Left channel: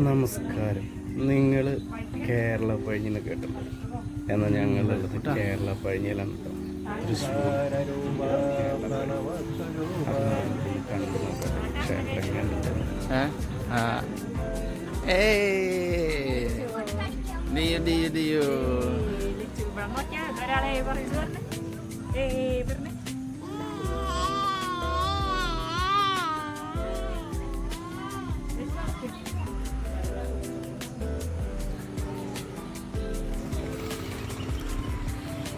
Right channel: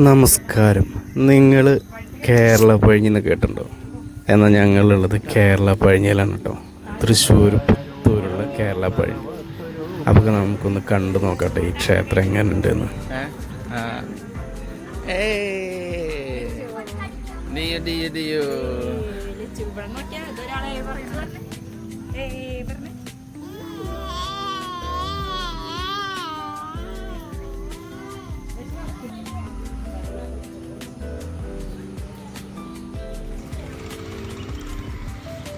നമസ്കാരം. നിങ്ങൾ കേരള പഴഞ്ഞിന്ന് കേട്ടിട്ടുണ്ടോ? എന്നാൽ ഞങ്ങളുള്ളത് കേരള പഴഞ്ഞിലാണ് കേട്ടോ. തൃശ്ശൂർ പുത്തൂരുള്ള കേരള പഴഞ്ഞി. അപ്പോൾ നമുക്കൊന്ന് കണ്ടു നോക്കട്ടെ ഈ ക്ഷേത്രം എങ്ങനെയുണ്ടെന്ന് ഡിയോ ഡിയോ ഡിയോ.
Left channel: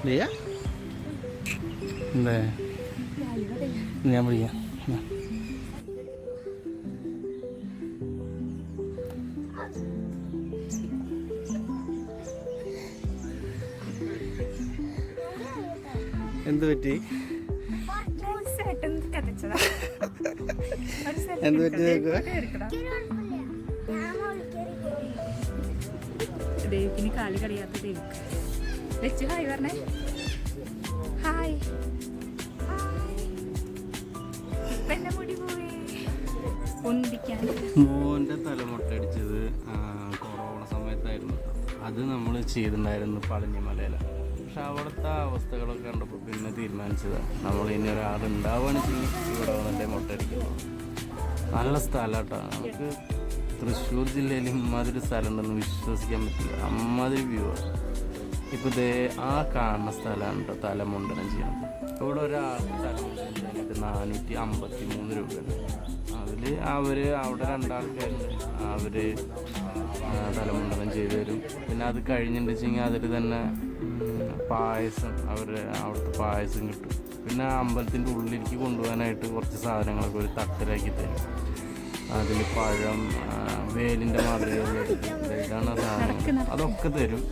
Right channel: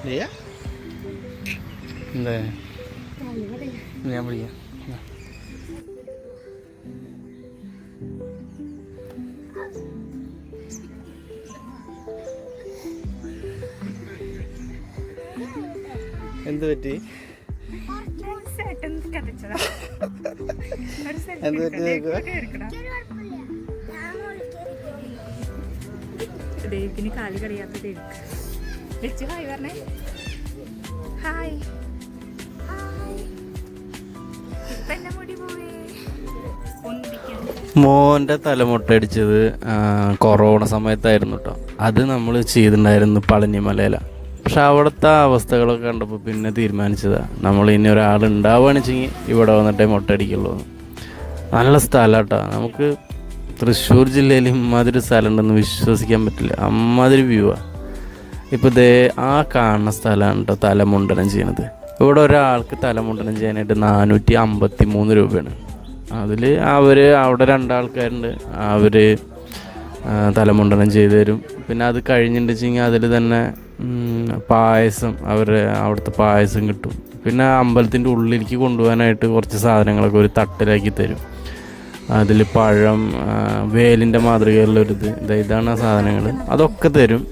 ഡിയ എന്താ? ഞാൻ വിളിക്കാം. എന്ത് പറ്റി? എന്ത് പറ്റി കാൽ ദേവിക്ക്. ലച്ചു ഹായ് പറഞ്ഞേ ഹായ് മോന്റെ തലമുട്ടടിച്ചത് കൊറോണ സമയത്തായിരുന്നു കേട്ടോ അത് നമ്മൾ ചെയ്തിട്ടുണ്ടായിരുന്നു പളനിമലയില. പക്ഷെ അവിടുത്തെ അവസ്ഥകളൊക്കെ കണ്ടപ്പോൾ പിന്നെ തീരുമാനിച്ചതാണ് നമ്മൾ ഇനി ഒരാൾ ഉണ്ടാവുകയാണെച്ചെങ്കിൽ ഇവിടെ വന്നിട്ടേ മുട്ടടിക്കുള്ളൂ. നല്ല സ്ഥലം കേട്ടോ നമുക്ക് തൃശ്ശൂർ ജില്ലയിൽ ഇമ്മാതിരി സ്ഥലമുണ്ടെന്ന് വിശ്വസിക്കാൻ പറ്റില്ല. അമ്മാതിരി വ്യൂ ആണ് ഇപ്പോൾ ദേ ആ കാണുന്ന സ്ഥലമാണ് കേട്ടോ തലമുണ്ടനം ചെയ്യണത്. ഇവിടെ ഒരാൾക്ക് തലമുണ്ടനം ചെയ്യാനായിട്ട് നാനൂറ്റി അമ്പത്തി മൂന്ന് രൂപയാണ്. അതിൽ അവർ അവിടെ രണ്ടാൾക്കാരുണ്ട്. അവർ തലമുണ്ടനം ചെയ്തു തരും. പിന്നെ അത് കഴിഞ്ഞിട്ടുണ്ടെങ്കിൽ അതിൽ തന്നെ പായസം അവർ അവിടുത്തെ പായസം കിട്ടും. പിന്നെ അമ്പലത്തിന്റെ ഉള്ളിലേക്ക് കൊണ്ടുപോകാനായിട്ട് കുറച്ച് സാധനങ്ങളൊക്കെ ഒരു തട്ടിലാക്കി തരും. അതിൽ പഴം വേലിന്റെ മാതൃകയിലുള്ളൊരിത്. ദേ ഇതാണ് ആ സാധനങ്ങൾ അതൊക്കെ തരും.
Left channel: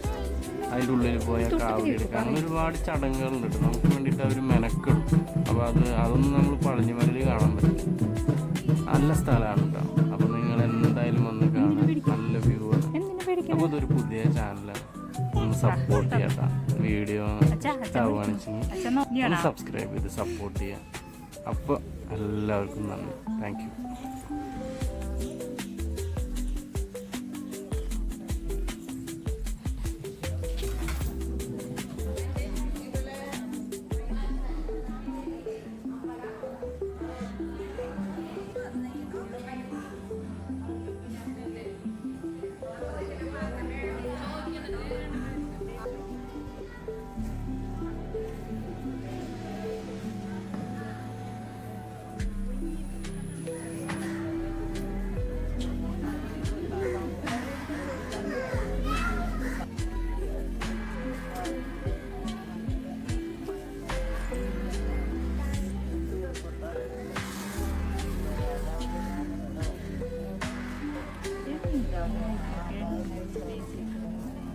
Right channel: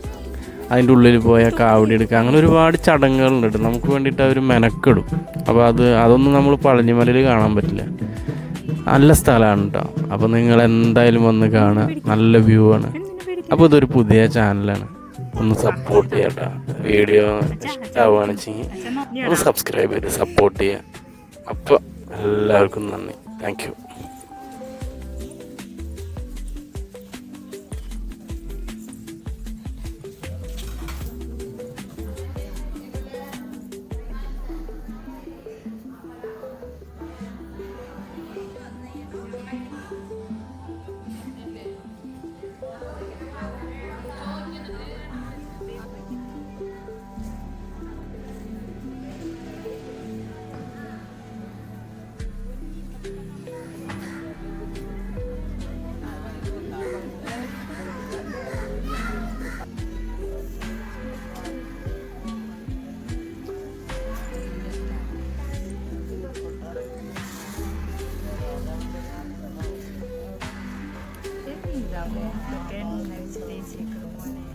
അതിന്റെ ഉള്ളിൽ പോയാൽ കാവടി എടുക്കുക. അങ്ങനെ ഒരുപാട് ചടങ്ങുകളുണ്ട് നമുക്ക് വേണ്ടിയിട്ട് അവർ മെനക്കെടും. അപ്പോൾ അത് അതൊന്നും നമ്മൾ പഴഞ്ഞിമലയിൽ കാണാൻ പറ്റില്ല. നല്ല സ്ഥലമാണ് കേട്ടോ. അപ്പോൾ നിങ്ങൾ എന്തായാലും വന്ന് കാണുക. നല്ല വ്യൂ ആണ്. അപ്പോൾ ഇതൊരു പുതിയ ചാനലാണ് ഒന്ന് സപ്പോർട്ട് ചെയ്യാം കേട്ടോ. വീഡിയോ ഇഷ്ടമാവുകയാണെന്ന് വെച്ചെങ്കിൽ ഒന്ന് സബ്സ്ക്രൈബ് ചെയ്ത് സപ്പോർട്ട് ചെയ്യുക. അപ്പോൾ എല്ലാവർക്കും നന്ദി. Thank again, again, nice to meet you.